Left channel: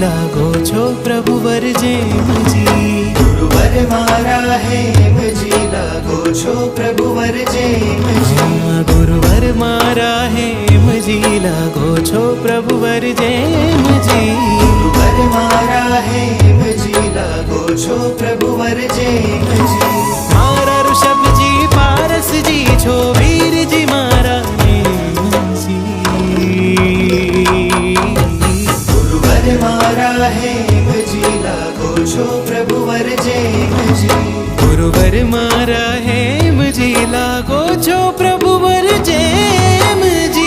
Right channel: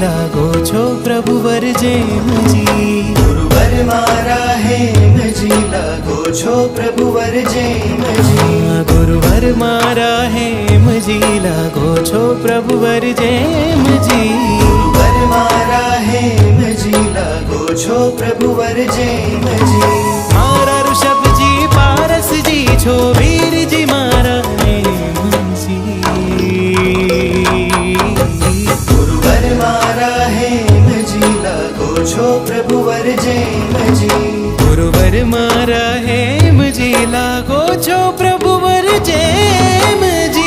लागो छो प्रभुवर जेमजी। गुरुवर मारा हेमजी लागो छो प्रभुवर जेमजी। हाँ गुरुवर मारा हेमजी लागो छो प्रभुवर जेमजी। गुरुवर मारा हेमजी लागो छो प्रभुवर जेमजी। मारा ऋषभजी पारसजी छो वीरजी मारा नेमजी। गुरुवर मारा हेमजी लागो छो प्रभुवर जेमजी। गुरुवर मारा हेमजी लागो छो प्रभुवर जेमजी।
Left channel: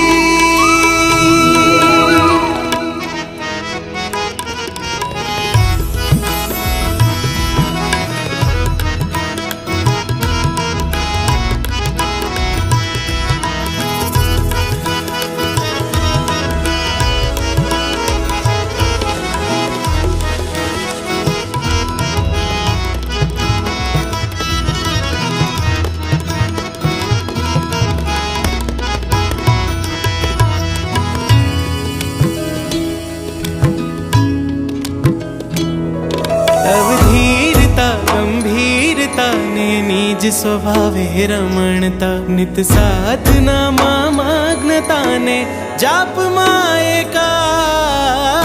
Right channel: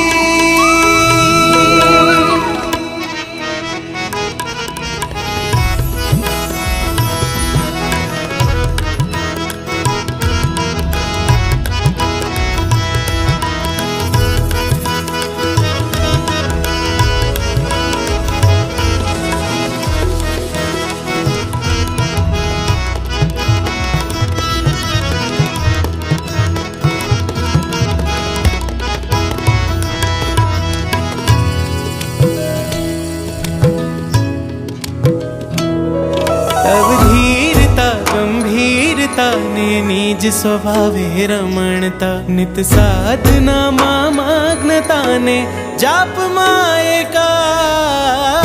तव धीरता गंभीरता ने निज स्वभावे रमणता। नित साधना माग्नता ने जाप मां एकाग्रता।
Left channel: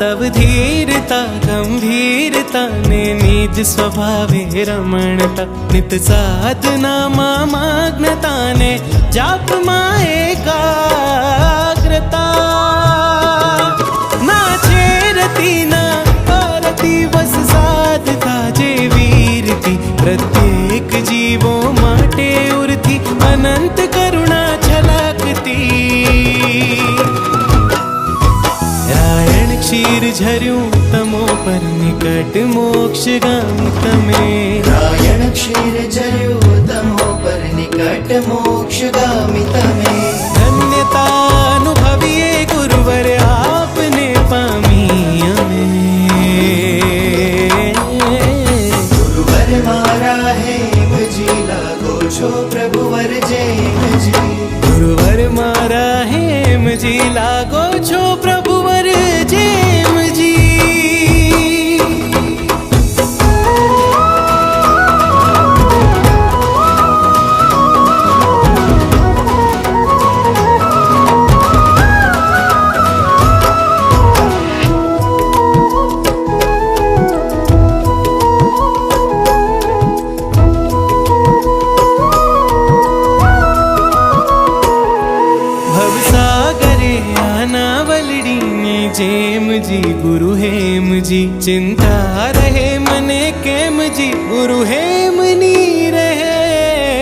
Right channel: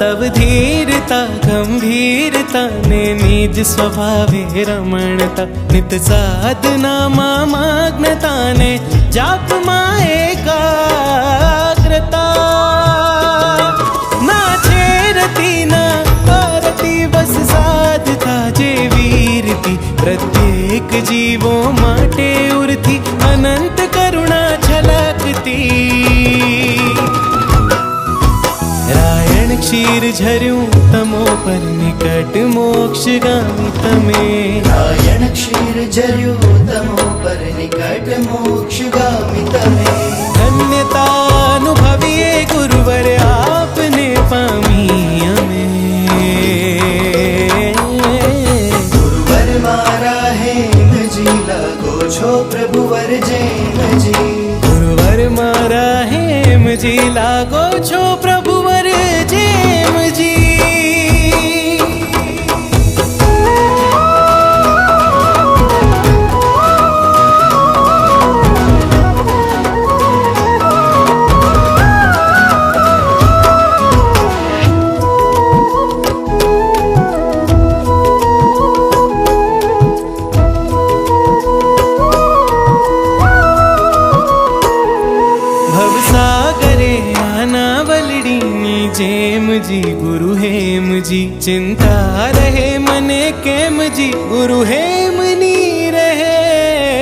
तव धीरता गंभीरता ने निज स्वभावे रमणता। नित साधना माग्नता ने जाप मां एकाग्रता। ना छेरती ना पारती बस साधता जे वीरती। प्रत्येक जीवो माटे उरती अनंत करुणा छलकती। रायण क्षीर झर्યું तमो पर निकट मोक्षगामी तमे। रायण क्षीर झर्યું तमो पर निकट मोक्षगामी तमे। धन्यता अनुभविए गुरुवर आपने पामी अमे। गुरुवर मारा हेमजी लागो छो प्रभुवर जेमजी। गुरुवर मारा हेमजी लागो छो प्रभुवर जेमजी। भवसागरे आनावलडीनी जेमजी गुरु हेमजी। चिंता रहे मने केमजी गुरु हेमनी रहेमजी।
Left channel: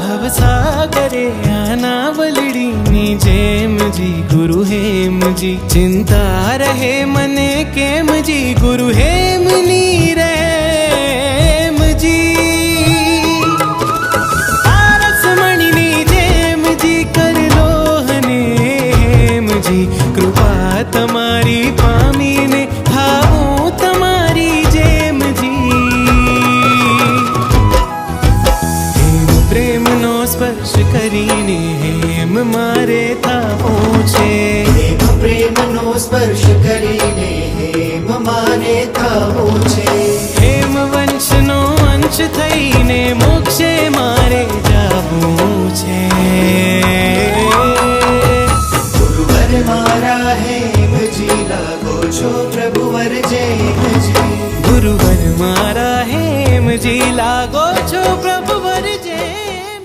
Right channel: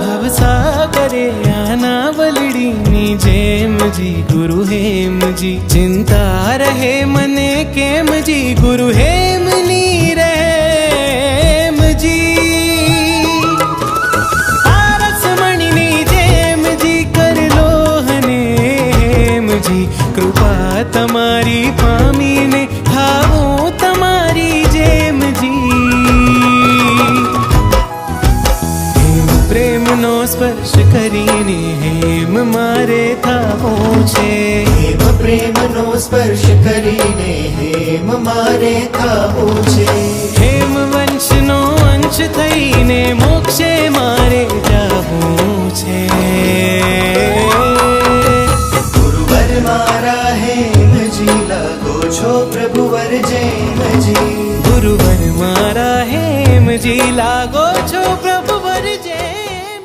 भवसागरे आनावलडीनी जेमजी गुरु हेमजी। चिंता रहे मने केमजी गुरु हेमनी रहेमजी। पारसमणिनी जेमजी कर लो हने हेमजी। कृपा तमारी पामीने थावूं तमारी जेमजी। हेम प्रेमनो स्पर्श करीने हेम मारे थावूं छे। हेम प्रेमनो स्पर्श करीने हेम मारे थावूं छे। हेम वंशनो अंश थईने मोक्षे मारे जावूं छे। गुरुवर मारा हेमजी लागो छो प्रभुवर जेमजी। गुरुवर मारा हेमजी लागो छो प्रभुवर